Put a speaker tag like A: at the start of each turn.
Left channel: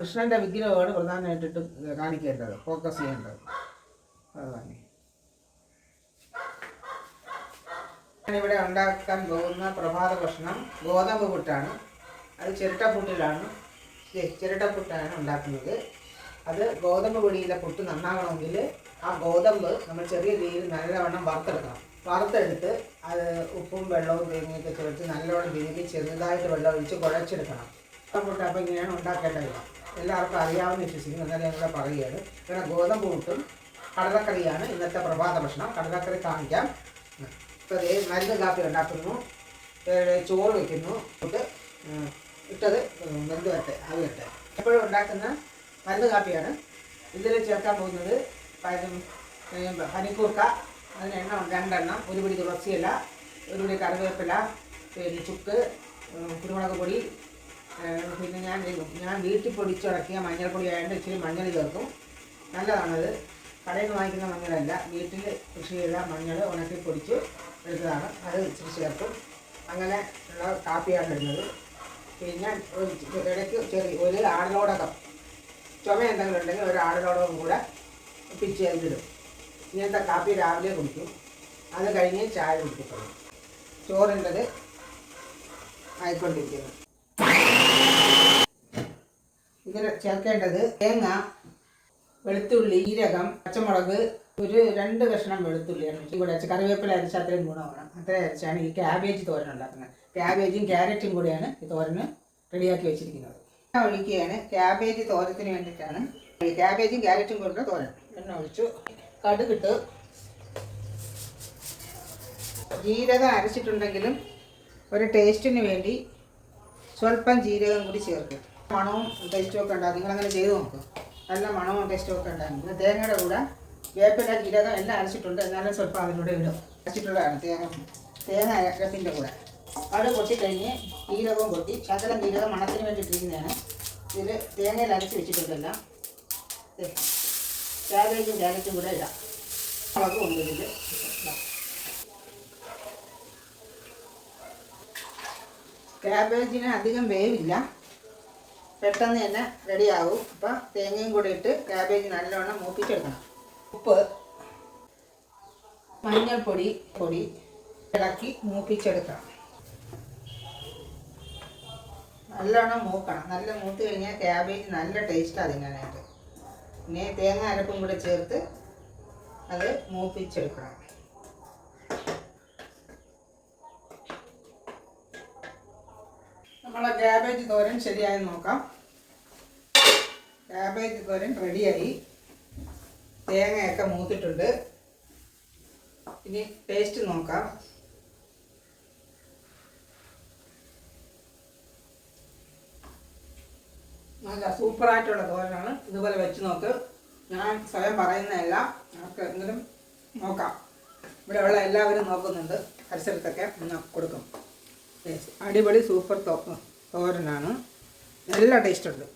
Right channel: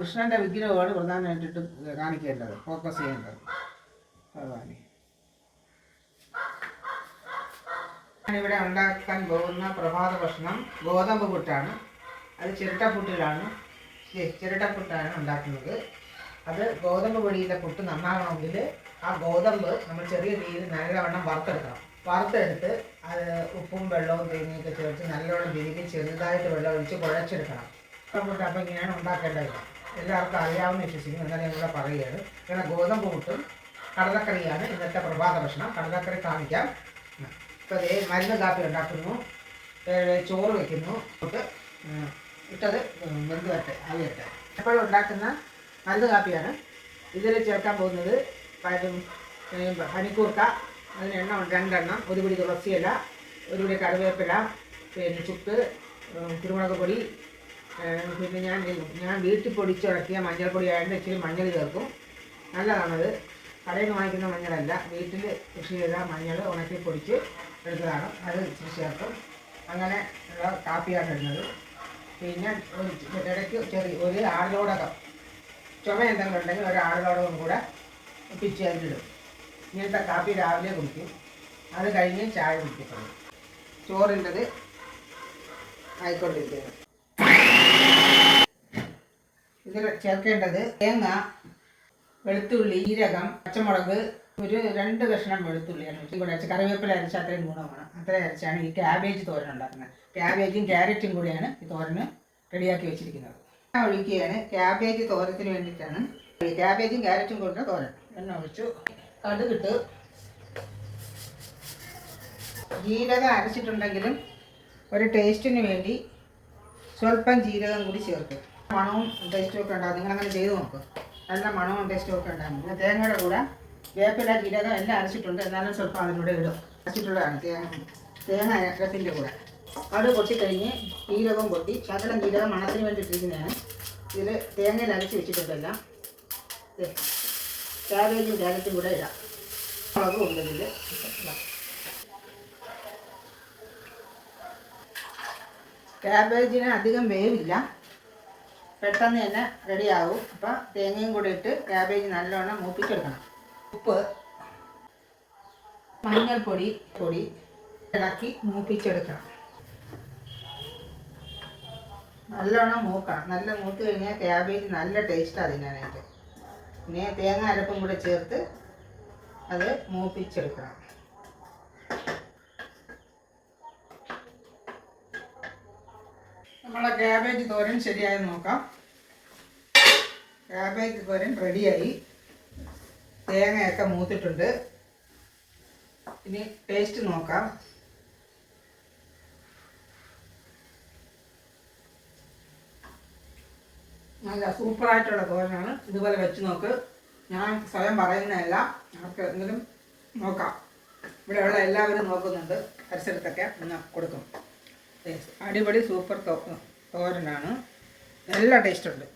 A: കൃഷ്ണന്റെ വിഗ്രഹമാണ് പ്രധാനമായിട്ടിട്ട് കാണിക്കേണ്ടത് ഫോക്കസ് ചെയ്യേണ്ടത്. ഭഗവാനെ. ഇവിടെ ഉണ്ടാക്കാൻ പോകുന്ന പ്രഭാത ഭക്ഷണം ഗോതമ്പ് പുട്ടാണ്. അത് ചിരട്ടപ്പുട്ടിലാണ് ചിരട്ട ചിരട്ടപ്പുട്ടാണ് ഉണ്ടാക്കുന്നത്. അത് ഗോതമ്പ് പൊടിയിലെ പുട്ട് നന്നാകണമെങ്കിൽ ആ ഗോതമ്പ് നമ്മൾ ചെറിയ രീതിയിൽ നല്ലവണ്ണം വറുത്തെടുക്കണം. വറുത്തെടുത്ത് അത് ഉപ്പും വെള്ളവും തേങ്ങയൊക്കെ ചേർത്ത് നല്ലവണ്ണം തിരികെ ചെറുതായിട്ട് വെള്ളം ഒഴിച്ച് കുഴച്ചെടുക്കണം. പുട്ട് അപ്പം ഇങ്ങനെയാണ് ഉണ്ടാക്കേണ്ടത്. എല്ലാവർക്കും അറിയാവുന്ന വിശ്വസിക്കുന്നു എന്നാലും ഇവിടെ പറയുകയാണ്. ഇങ്ങനെ ഗോതമ്പ് കൂട്ടും കടലക്കറിയാണ് ഇന്നത്തെ പ്രഭാത ഭക്ഷണം. കടലക്കറി കാണിക്കാം. ഇട്ടത് മരുന്ന് കാപ്പി ഉണ്ടാക്കുന്നു. ചോറ് വയ്ക്കുന്നു പുട്ട് ഉം, ഇട്ടത് വെന്ത് വരട്ടെ എപ്പോഴും ഉണ്ടാക്കുന്ന മരുന്ന് കാപ്പിയാണ്. ഇതിൽ ചേർക്കാൻ പോകുന്നത് പനിക്കൂർക്ക അതിന് എണ്ണം രണ്ടെണ്ണം ഒരു പിടി തുളസിയില ഒരു പിടി കറിവേപ്പില പിന്നെ ചുക്ക് കുരുമുളക് പൊടി പിന്നെ ഞാൻ ഞാൻ വീട്ടിൽ പൊടിച്ചുടക്കിയ മഞ്ഞൾപ്പൊടി ആയതുകൊണ്ട് ഇച്ചിരി മഞ്ഞൾ ചേർക്കും. നല്ലതാണത്. കടയിൽ നിന്ന് വാങ്ങിക്കുന്ന മഞ്ഞളല്ല. വീട്ടിൽ കൃഷി ചെയ്ത മഞ്ഞൾ ഉണക്കി പൊടിച്ച് എടുത്തതാണ്. അത് ഇച്ചിരി ചേർക്കും. അങ്ങനെ ഉള്ള കാപ്പിയാണ് ഇടുന്നത്. പിന്നെ ഇടയ്ക്ക് ചെറിയ ഒരു ആളിലോടകം ചുമ എന്തെങ്കിലും ഉണ്ടെങ്കിൽ ഒരു ആളിലോടകം കൂടെ പിച്ച് അതിലിടും ഇങ്ങനത്തെ കാപ്പി രാവിലെ കുടിക്കും. അത് കഴിഞ്ഞ് ചായ കുടിക്കും ചോറിന്റെത് ആയിക്കൊണ്ടിരിക്കുന്നത് ഇതിൽ ചേർക്കേണ്ടത് തേങ്ങ വെളുത്തുള്ളി ജീരകം പച്ചമുളക് ഒരു രണ്ട് കഷ്ണം വെളുത്തുള്ളിയാണ് കൂടെ അരച്ച് കറിവേപ്പില അരച്ച അത്രയും ഗുണമാണ്. അത്രയും അരച്ചാണ് ഈ ക്യാബേജ് തോരൻ ഉണ്ടാക്കുന്നത്. ക്യാബേജും ക്യാരറ്റും കൂടിയാണ് ഈ തോരന് റെഡിയാക്കി വെച്ചിരിക്കുന്നത്. എണ്ണ ഒഴിക്കുകയാണ് ക്യാബേജ് തോരത്തിന് വേണ്ടിയിട്ടാണ്. ക്യാബേജും ക്യാരറ്റും കൊണ്ട് തോരൻ. എണ്ണ ഒഴിച്ചു. കടുകിട്ട് ജീരകം അരച്ചിട്ടുണ്ടെങ്കിലും ഒരു ടേസ്റ്റിന് വേണ്ടി സ്വല്പം ജീരകം കൂടി ചേർക്കും. മണവും ടേസ്റ്റും ഒക്കെ ഉണ്ടാകും നിങ്ങളങ്ങനെ ചെയ്ത് നോക്കുക നല്ല മണവും ടേസ്റ്റും ഒക്കെ ഉണ്ടാകും പിന്നെ തേങ്ങയുടെ കൂടെ വേപ്പില ജീരകം എല്ലാം അരച്ചിട്ടുണ്ട്. എന്നാലും സ്വല്പം അതിലൂടെ ഇടും. അരച്ചിട്ടുള്ളതാണ് തേങ്ങ. തേങ്ങ അരത്തിന്റെ കൂടെ. അത് പൊട്ടിക്കഴിഞ്ഞ് ജീരകവും പൊട്ടി. ശകലം ജീരകം മണത്തിന് വേണ്ടി ഇട്ടിരിക്കുന്നതാണ്. ഇതിൽ തേങ്ങയിൽ അരച്ച് വെച്ചിട്ടുണ്ടല്ലോ. ക്യാബേജും ക്യാരറ്റും കൂടെ ഇടാം. മുളകും ഉണ്ട് ക്യാബേജിന് അധികം വേവില്ല. പെട്ടെന്ന് തന്നെ റെഡിയാവും. അപ്പം തേങ്ങയും കൂടി ഇട്ട് ക്യാബേജ് നല്ലോണം മൂപ്പിച്ചെടുക്കണം. ഉപ്പ് മഞ്ഞൾപ്പൊടി പൊടി ഇളക്കി മൂപ്പിച്ചെടുക്കണം. നല്ലോണം മൂക്കണം. നല്ല മൂത്ത് കഴിഞ്ഞാൽ ക്യാബേജ് നല്ല ടേസ്റ്റാണ് തിന്നാനായിട്ട്. പിന്നെ തേങ്ങ അരപ്പും കൂടെ ചേർത്ത് അത് മൂപ്പിച്ചെടുക്കണം. നമ്മളെ ക്യാബേജ് തോരൻ ശരിയായി നോക്കാം. ക്യാബേജ് തോരൻ റെഡിയായി തേങ്ങയൊക്കെ മൂത്തിട്ടുണ്ട്. ഇനി ടേസ്റ്റ് നോക്കാം. നല്ല സൂപ്പറായിട്ടുള്ള തോരനാണ്. ഇതുപോലെ വെച്ച് നോക്ക്. ഞാൻ സ്വയം പറയുന്നതല്ല. നമുക്ക് എങ്കിലും നോക്കാം. ഇവിടെയുള്ള എല്ലാവരും നോക്കുന്നുണ്ട്. പരിസരത്തൊക്കെ ഒന്ന് കൊടുക്കും. അടിപൊളി സൂപ്പർ തോരനാണ് നല്ല ടേസ്റ്റ് ഉണ്ട്.